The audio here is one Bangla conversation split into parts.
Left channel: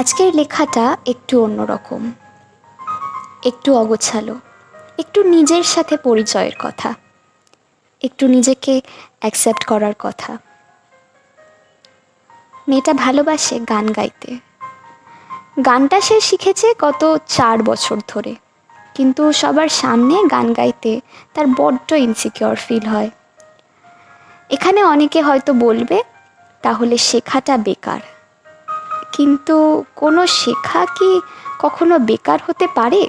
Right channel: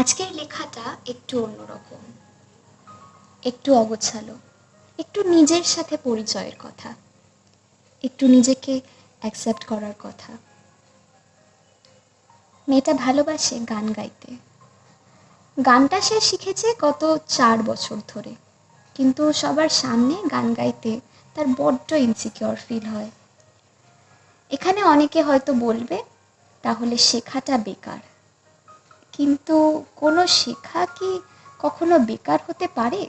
আজকের লেখাটা একটু অন্যরকম, একটু অগোছালো, একটু নিজের সাথে পরিচয়ের কথা, একটু নিজেকে অ্যাকসেপ্ট করার কথা। মেয়েটা ভালোবাসে গান গাইতে। গানটা সে শিখেছে গত 4 বছর ধরে, কিন্তু সবার সামনে গান গাইতে তার বড্ড ইনসিকিউর ফিল হয়। এখানে অনেকে হয়তো বলবে তাহলে শেখাটা বেকার, কিন্তু কোনো শেখা কি কখনো বেকার হতে পারে?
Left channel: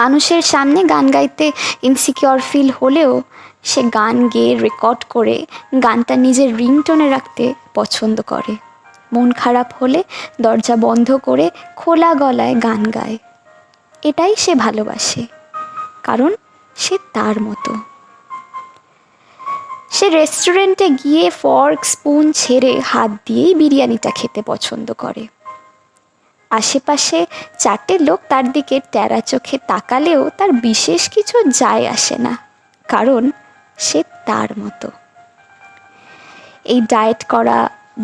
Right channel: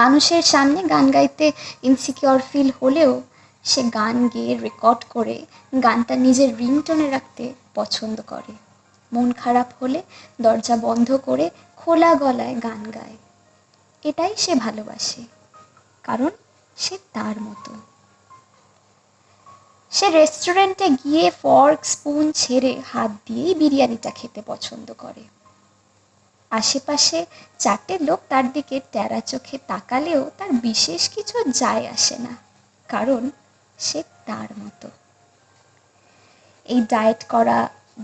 মানুষের সামনে গান গাইতে ইনসিকিউর ফিল হলেও সে গান গেয়ে রেকর্ড করে গানটা নিজের রিংটোনে রাখতে পছন্দ করে। মন খারাপ হলে দরজা বন্ধ করে খোলা গলায় গান গায়। এটাই সে ভালোবাসে, কারণ সে তার মতো। সে রেস্টুরেন্টে গিয়ে ফর্ক স্পুন ছেড়ে হাত দিয়েই বিরিয়ানিটা খেতে পছন্দ করে। আশেপাশে 4টে লোক তার দিকে ট্যারা চোখে তাকালেও তার বিশেষ কিছু যায় আসে না, কারণ সে তার মতো। এই ডায়েট করা,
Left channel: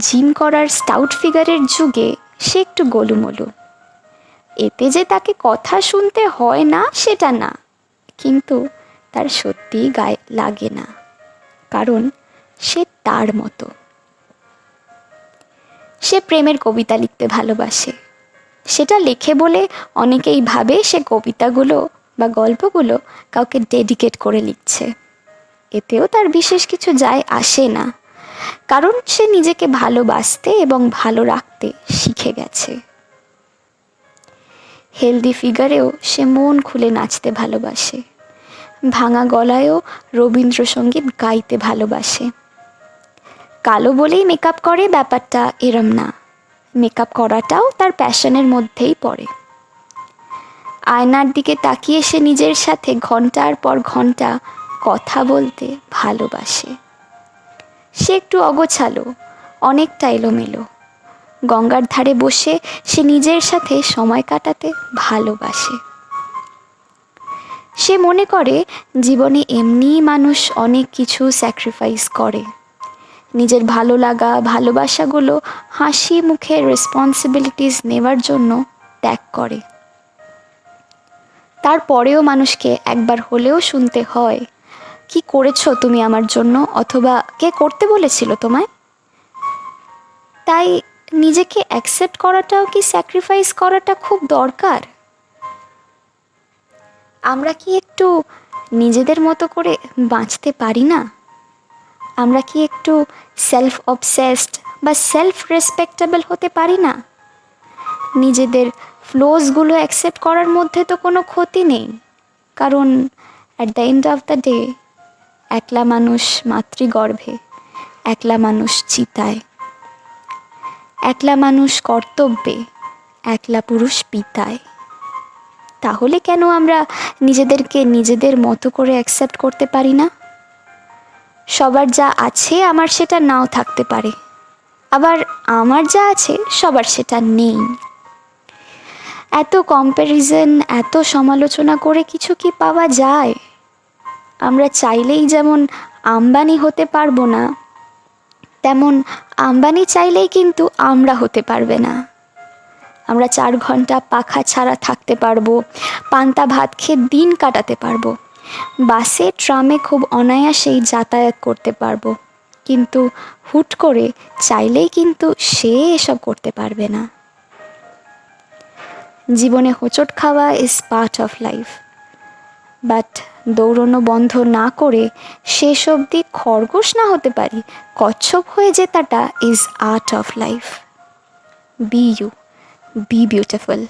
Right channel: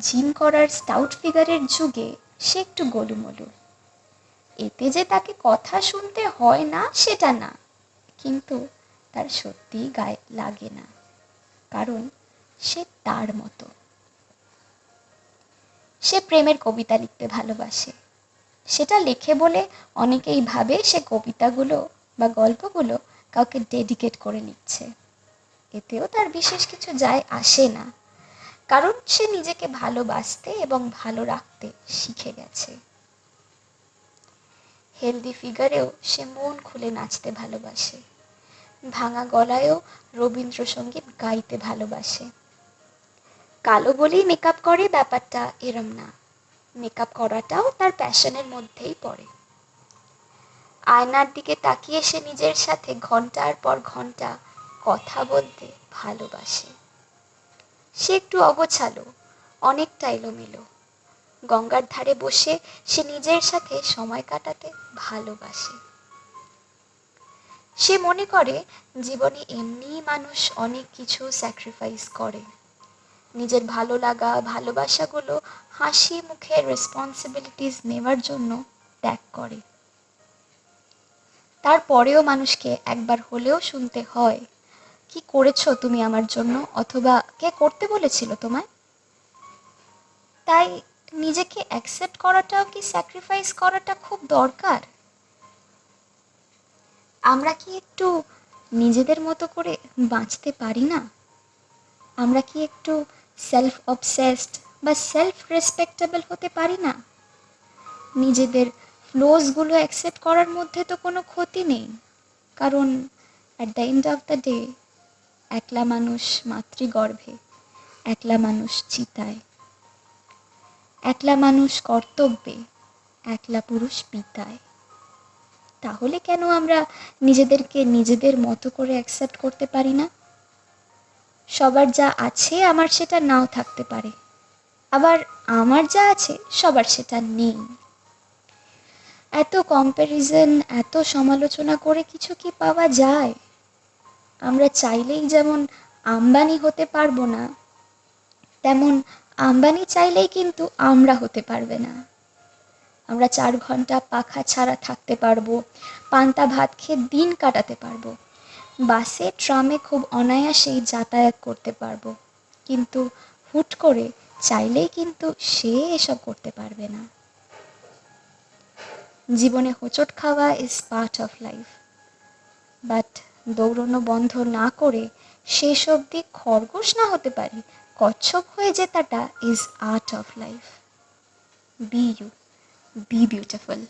জিম করার স্টাউট ফিগারের যুগে সে একটু গোলুমোলু। এতে যে তাকে কথা শুনতে হয় না সেটা না, কিন্তু তার সত্যিই গায়ে লাগে না, কারণ সে তার মতো। সে প্রেমের কবিতা লিখতে ভালোবাসে। সেটা লেখে বলে অনেকেই ভাবে সে কবিতাগুলো বা গল্পগুলো কাউকে ডেডিকেট করে লিখছে। এতেও তার বিশেষ কিছু যায় আসে না, কারণ সে নিজেকে ভালোবাসতে এবং ভালো রাখতে শিখে গেছে। হেলদি ফিগারেও সে মন খুলে নাচতে ভালোবাসে। ভাঙা গলায়ও রবীন্দ্রসঙ্গীত গাইতে ভালোবাসে। কালো বলেই মেকআপ করে ব্যাপারটা এরম না, মেকআপ করাটাও তার প্যাশনের মধ্যেই পড়ে। আয়নার দিকে তাকিয়ে সে নিজের সাথে ঘন্টার পর ঘন্টা কথা বলতে ভালোবাসে। সে একটু অগোছালো, অনেকটা এলোমেলো। গঙ্গার ধারে বসে সে নিজের সাথে সময় কাটাতে ভালোবাসে। সে মনে করে জীবনে এমনিই মানুষ অনেক কিছু স্যাক্রিফাইস করে, নিজের ভালো লাগা ভালোবাসাগুলো হাসি মুখে রেসপন্সিবিলিটিস নেওয়ার জন্য ত্যাগ করে। তারপরেও মানুষকে একবার হলেও শুনতে হয়, কি করেছো তুমি আমার জন্য, অথবা কে করতে বলেছিল তোমায়? তাই নিজেকে অ্যাকসেপ্ট করাটাও কি স্যাক্রিফাইস করাটা খুব দরকার? আমরা কি একটু নিজেদের মতো করে বাঁচতে পারি না? আমরা কি একটু সেলফ অবসেসড বা সেলফ রেসপেক্টেবল হতে পারি না? নিজেদের ফ্লোসগুলো অ্যাকসেপ্ট করার মধ্যে তো কোনো ক্ষতি নেই, কারণ at the end of the day একলা মানুষ মাতৃগর্ভে, একলা মানুষ চিতায়, একলা মানুষ কর্তব্যে, একলা পুরুষ পিতায়। তাহলে কেন আমরা নিজেদেরকে নিজেদের মতো করে অ্যাকসেপ্ট করতে পারি না? সবার যা আছে আমার সেটা নাও থাকতে পারে, আবার আমার যা আছে সবার সেটা নেই। এত কম্প্যারিজন, এত সমালোচনা করে কিছু কি পাওয়া যায়? আমরা চাইলেই যেমন আম্বানি হতে পারবো না, তেমন আম্বানি চাইলেই কিন্তু আমরা হতে পারবে না। আমরা 4 ঘন্টা পাখা ছাড়া থাকতে পারবো, পান্তা ভাত খেয়ে দিন কাটাতে পারবো, বাসে ট্রামে খুব অনায়াসেই যাতায়াত করতে পারবো, কিন্তু হুট করে চাইলেই কিন্তু সে এসব করতে পারবে না। জীবনে হোঁচট খাওয়া is part of life, but দৌড়নো বন্ধ না করে শেষ অবধি খরগোশ না হতে পারি, কচ্ছপ হয়ে জেতাটা is art of life. Be you, be beautiful.